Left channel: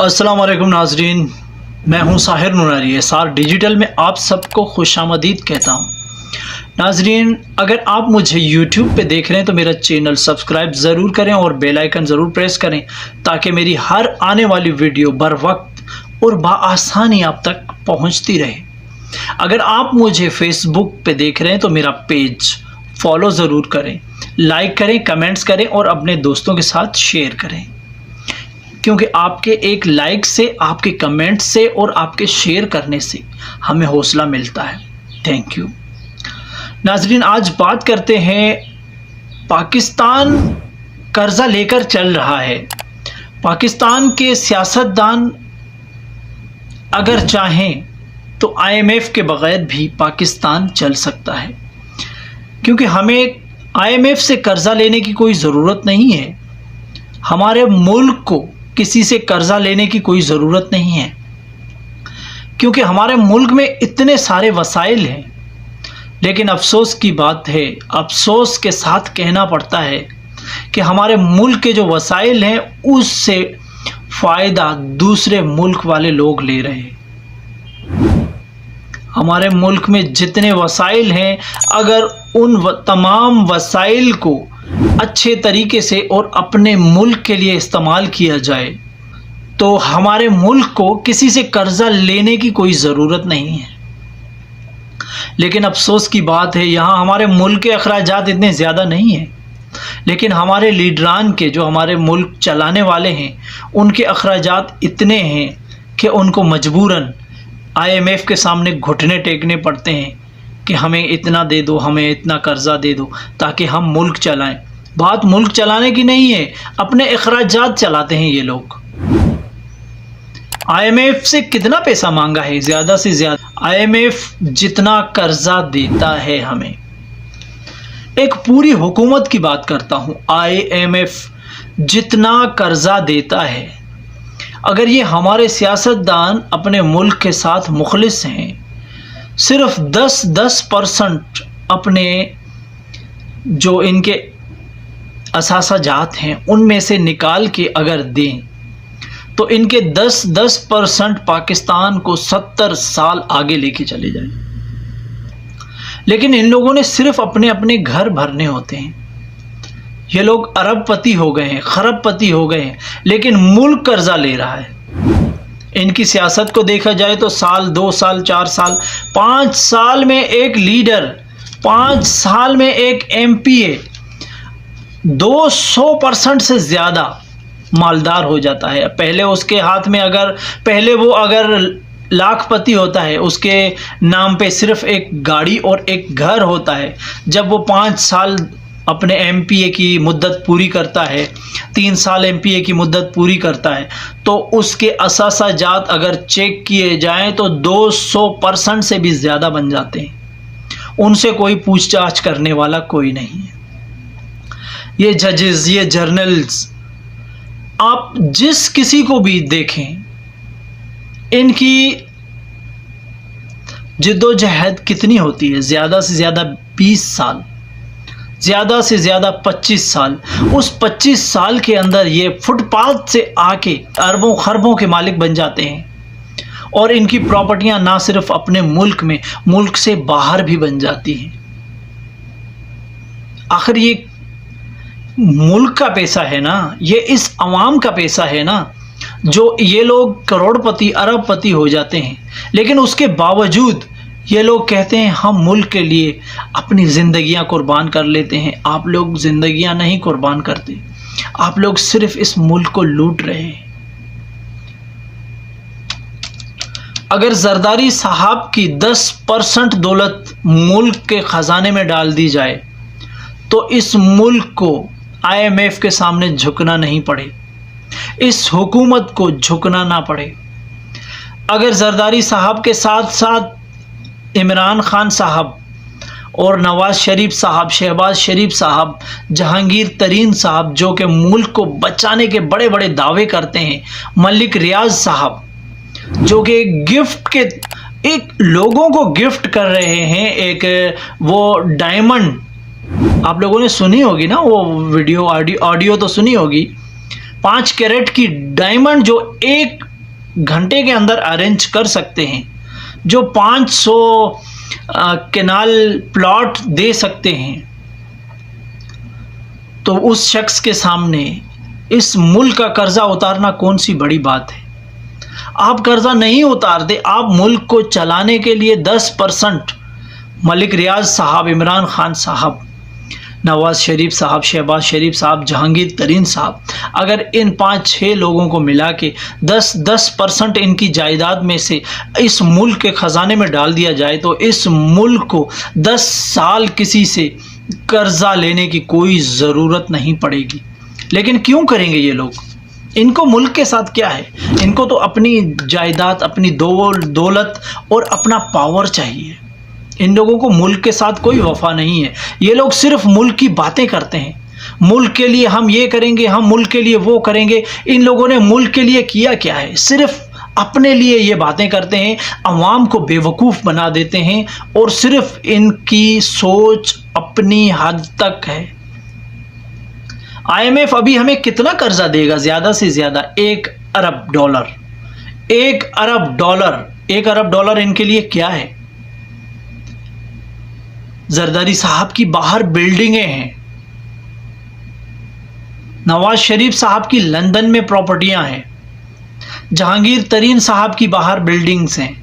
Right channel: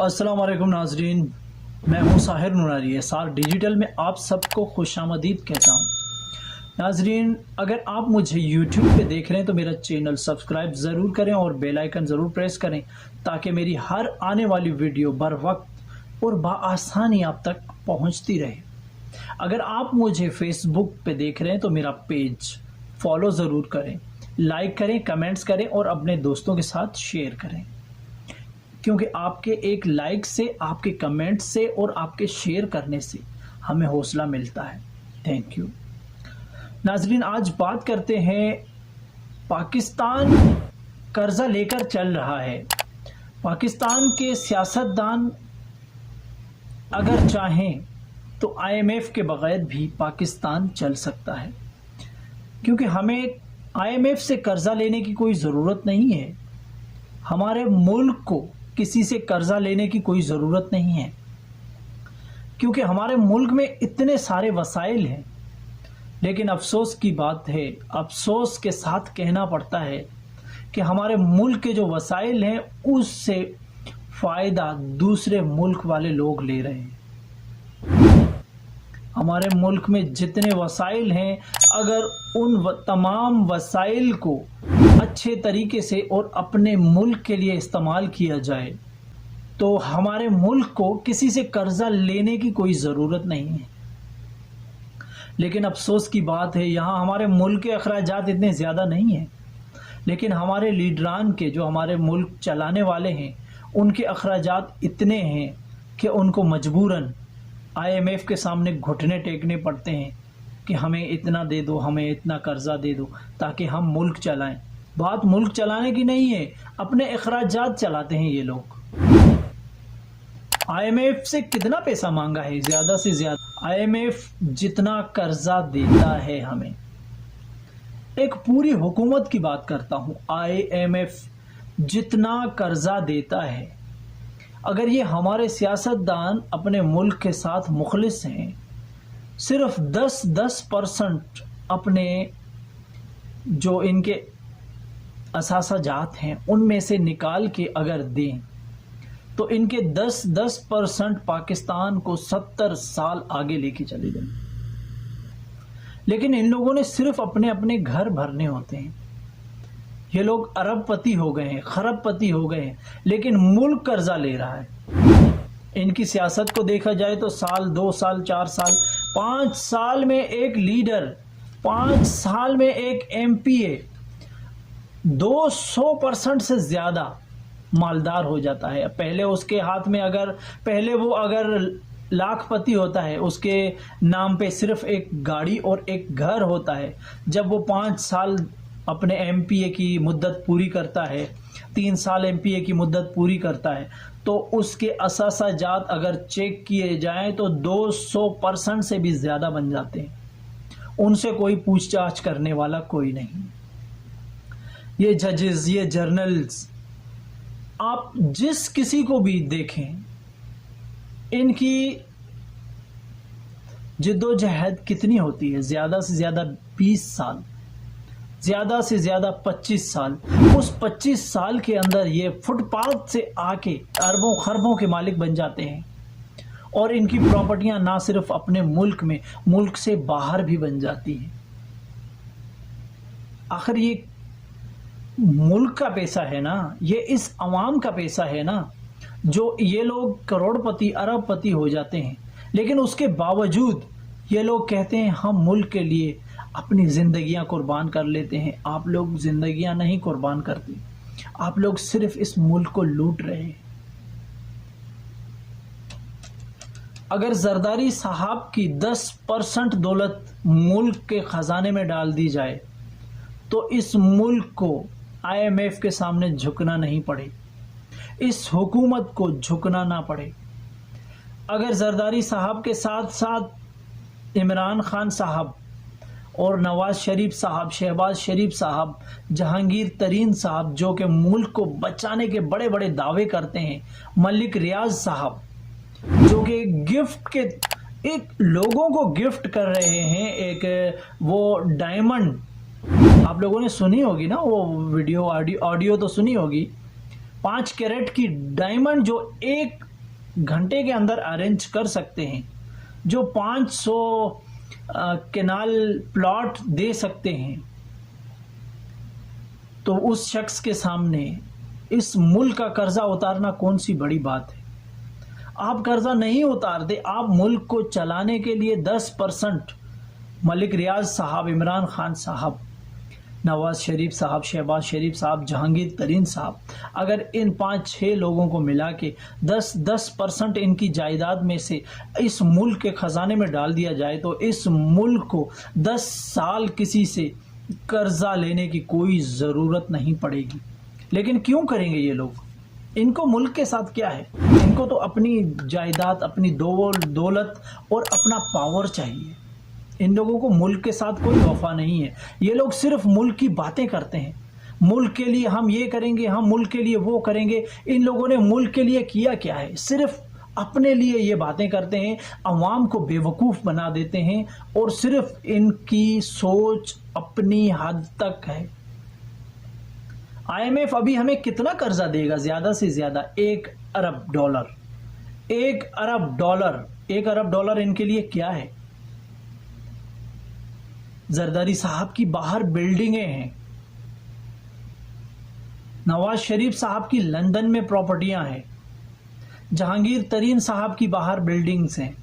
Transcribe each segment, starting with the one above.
अस्सलाम वालेकुम नाजरीन, मैं हूं साहिर नूरानी। एसआर डिजिटल में आप सबको खुशामदीद कहता हूं। नाजरीन, अगर आप मुझे YouTube पे देख रहे हैं तो मेरा चैनल सब्सक्राइब ज़रूर करें और बेल आइकन ज़रूर प्रेस करें ताकि मेरी हर आने वाली वीडियो बर वक्त और बआसानी आप तक पहुंचती रहे। अगर आप मुझे Facebook पे देख रहे हैं तो मेरा पेज फॉलो ज़रूर करें, लाइक करें, कमेंट्स करें और अपने दोस्तों के साथ शेयर करें, क्योंकि आपके एक लाइक से, आपके कमेंट से और आपके शेयर करने से हमें हौसला मिलता है। Thank you. नाजरीन, आज बात करते हैं, पाकिस्तान कर्जा लेकर चल रहा है। पाकिस्तान के सियासतदान अगर चाहें तो IMF के बगैर भी पाकिस्तान चल सकता है, क्योंकि हमें IMF से कर्जा लेने की कोई ज़रूरत नहीं है। हमारे मुल्क को किसी से कर्जा लेने की कोई ज़रूरत नहीं है, क्योंकि हमारे मुल्क में इतने सारे वसाइल हैं। लेकिन अफसोस की बात है, अफसोस के साथ कहना पड़ता है कि हमारे मुल्क के जो वसाइल हैं उससे फ़ायदा दूसरे मुल्क वाले लोग ले रहे हैं। हमारे मुल्क में जितने वसाइल हैं, अगर उन तमाम वसाइल को अच्छे तरीके से और अपने मुल्क के लिए इस्तेमाल किया जाए तो हमारे मुल्क को किसी से कर्जा लेने की कोई ज़रूरत नहीं है। लेकिन अफसोस की बात है, यहाँ हमारे मुल्क के अखराजात इतने ज़्यादा नहीं हैं, लेकिन हमारे लीडरान के, जो हमारे मुल्क चलाने वाले हैं, उनके अखराजात इतने हैं कि उनको मजबूरन IMF के सामने घुटने टेकने पड़ते हैं कि हमें इतना दे दो, हमें इतना कर्जा दे दो ताकि हम मुल्क चलाएं। बात मुल्क चलाने की नहीं है, अपने अखराजात चलाते हैं ये लोग। IMF से कितना पैसा मांगा है? ज़्यादा से ज़्यादा IMF जितना कर्जा देता है हमें, एक पूरी हुकूमत की बात करता हूँ, IMF जितना कर्जा देता है, अगर ये हमारे सियासतदान अपने मुल्क के साथ मुखलिस हैं, सिर्फ 10% अपने जो इनके असासाजात हैं उनमें से निकाल के अगर दें तो इनके 10% पाकिस्तान को 70 साल आगे लेके चले जाए। लेकिन इन लोगों ने सिर्फ अपने अपने घर भरने होते हैं। ये लोग अरबपति हो गए हैं, खरबपति हो गए हैं, लेकिन मुल्क कर्जा ले रहा है। इनकी सियासत को देखा जाए तो साल, 2 साल, 4 साल, 5 साल में एक लीडर, 5 साल में एक MPA 200% से ज़्यादा मालदार हो जाता है। पहले उसके हाथ में पहले वो अगर लाखपति होता है, उसके नाम पे सिर्फ एक गाड़ी और एक घर होता है। जब वो 5 साल अपने MPA की मुद्दत पूरी करता है, 3 साल MPA की मुद्दत पूरी करता है, तो उसके असासाजात अगर चेक किए जाएं तो 200% से भी ज़्यादा बन जाते हैं। उनसे कोई पूछताछ करने वाला कोई नहीं है। ये जजेस, ये जर्नल्स, आप जिस किसी को भी देखें, इनकी जिद्दोजहद कितनी होती है? ज़्यादा से ज़्यादा 20 साल, ज़्यादा से ज़्यादा 25 साल। उस 25 साल के अंदर ये फुटपाथ से आके अरबों खरबों के मालिक बन जाते हैं, और इनकी प्रॉपर्टियां ना सिर्फ अपने मुल्क में, मुल्क से बाहर भी बन जाती हैं। आखिर ये मुल्क का पैसा है ना, ये इस अवाम का पैसा है ना, जो ये लोग करोड़पति, अरबपति हो जाते हैं। लेकिन उसके बावजूद ये लोग कहते हैं हम मुल्क के लिए अपनी ज़िंदगियां कुर्बान कर लेते हैं। आप लोग ज़िंदगियां नहीं कुर्बान करते, आप लोग सिर्फ इस मुल्क को लूट रहे हैं। अगर जरदारी साहब की 10% दौलत मुल्क के ख़जाने में डाल दी जाए तो इस मुल्क को IMF के सामने झुकना नहीं पड़े, इस हुकूमत को झुकना ना पड़े। अगर जरदारी साहब के साथ साथ इमरान खान साहब और नवाज़ शरीफ साहब, शहबाज शरीफ साहब, जहांगीर तरीन साहब, जो कि मुल्क को बचाने के बड़े बड़े दावे करते हैं, मलिक रियाज साहब, जो कि एक लोगों को गिफ्ट कर रहे हैं, एक वो डायमंड, आप लोगों ने सुनी होगी ना वो वीडियो, ऑडियो तो सुनी होगी, 5 कैरेट की डायमंड जो 1 घंटे के अंदर अरेंज कर सकते हैं, जो 500 केनाल प्लॉट दे सकते हैं, तो उस शख्स के सामने इस मुल्क का कर्जा उतारना कौन सी बड़ी बात है। आप कर्जा नहीं उतारते, आप मुल्क को चलाने के लिए 10% मलिक रियाज साहब, इमरान खान साहब, नवाज शरीफ साहब, शहबाज शरीफ साहब, जहांगीर तरीन साहब, अगर इन 5-6 लोगों को मिला के 10% इनकी जायदाद में से इस मुल्क के ख़जाने में डाल दिया जाए तो इस मुल्क को 10 साल किसी से कर्जा लेने की कोई ज़रूरत नहीं पड़ेगी। लेकिन क्यों करेंगे ये लोग? इनको मुल्क के साथ क्या है? इनको तो अपनी जायदाद, अपनी दौलत और अपना पावर चाहिए। इन लोगों को मुल्क के साथ कोई वफा नहीं है। ये लोग सिर्फ मुल्क की बातें करते हैं, मुल्क के लिए हम ये करेंगे, हम मुल्क के लिए वो करेंगे। इन लोगों ने मुल्क के लिए किया क्या है? सिर्फ अपने लिए ये बातें करते हैं, अवाम को बेवकूफ़ बना देते हैं और सिर्फ इनकी सोच अपनी हद तक है। IMF अभी हमें कितना कर्जा देगा? ज़्यादा से ज़्यादा $1 अरब। $1 अरब। $1 अरब इनके लिए क्या है? जरदारी साहब की बाहर बिल्डिंगें हैं, नवाज शरीफ साहब की लंदन में प्रॉपर्टियां हैं, जहांगीर तरीन साहब की बाहर बिल्डिंग्स हैं,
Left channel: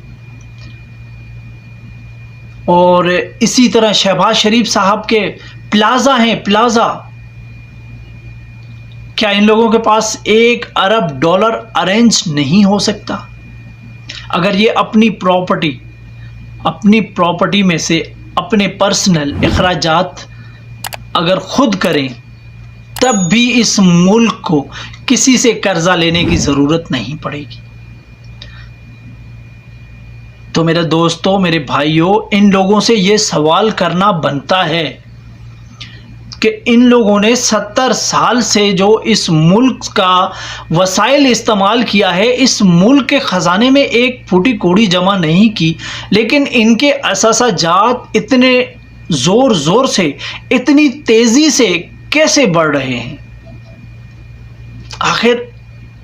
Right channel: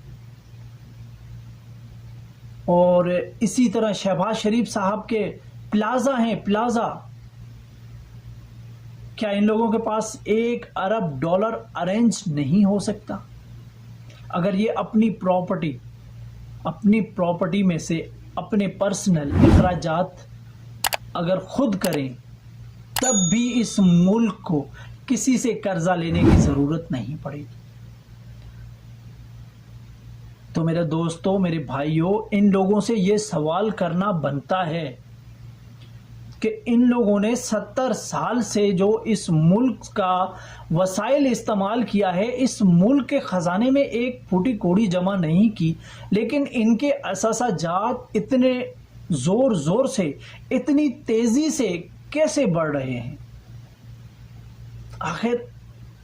और इसी तरह शहबाज शरीफ साहब के प्लाजा हैं, प्लाजा। क्या इन लोगों के पास $1 अरब अरेंज नहीं हो सकता? अगर ये अपनी प्रॉपर्टी में से अपने पर्सनल अखराजात अगर खुद करें, तब भी इस मुल्क को किसी से कर्जा लेने की ज़रूरत नहीं पड़ेगी। तो मेरे दोस्तों, मेरे भाइयों, इन लोगों से ये सवाल करना बनता है कि इन लोगों ने 70 साल से जो इस मुल्क का वसाइल इस्तेमाल किया है, इस मुल्क के ख़जाने में एक फूटी कौड़ी जमा नहीं की, लेकिन इनके असासाजात इतने ज़ोर से, इतनी तेज़ी से कैसे बढ़ रहे हैं? आखिर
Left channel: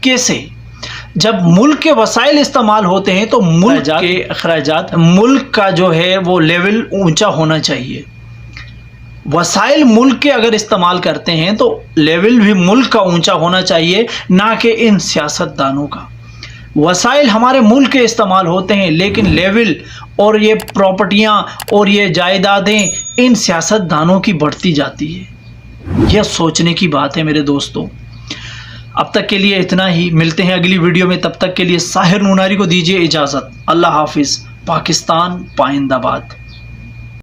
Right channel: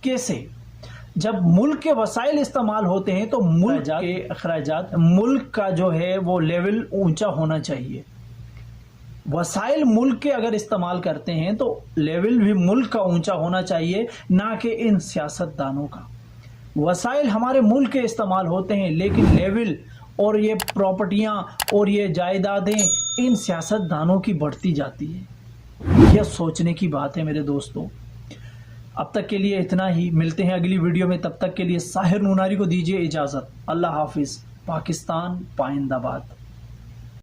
कैसे? जब मुल्क के वसाइल इस्तेमाल होते हैं तो मुल्क के अखराजात, मुल्क का जो है वो लेवल ऊंचा होना चाहिए। वसाइल मुल्क के अगर इस्तेमाल करते हैं तो लेवल भी मुल्क का ऊंचा होना चाहिए, ना कि इन सियासतदानों का। वसाइल हमारे मुल्क के इस्तेमाल होते हैं, लेकिन लेवल और ये प्रॉपर्टियां और ये जायदादें इन सियासतदानों की बढ़ती जाती है। यह सोचने की बात है मेरे दोस्तों। अब तक के लिए इतना ही, मिलते हैं अगली वीडियो में। तब तक के लिए साहिर नूनारी को दीजिए इजाज़त। अल्लाह हाफिज़। पाकिस्तान पाइंदाबाद।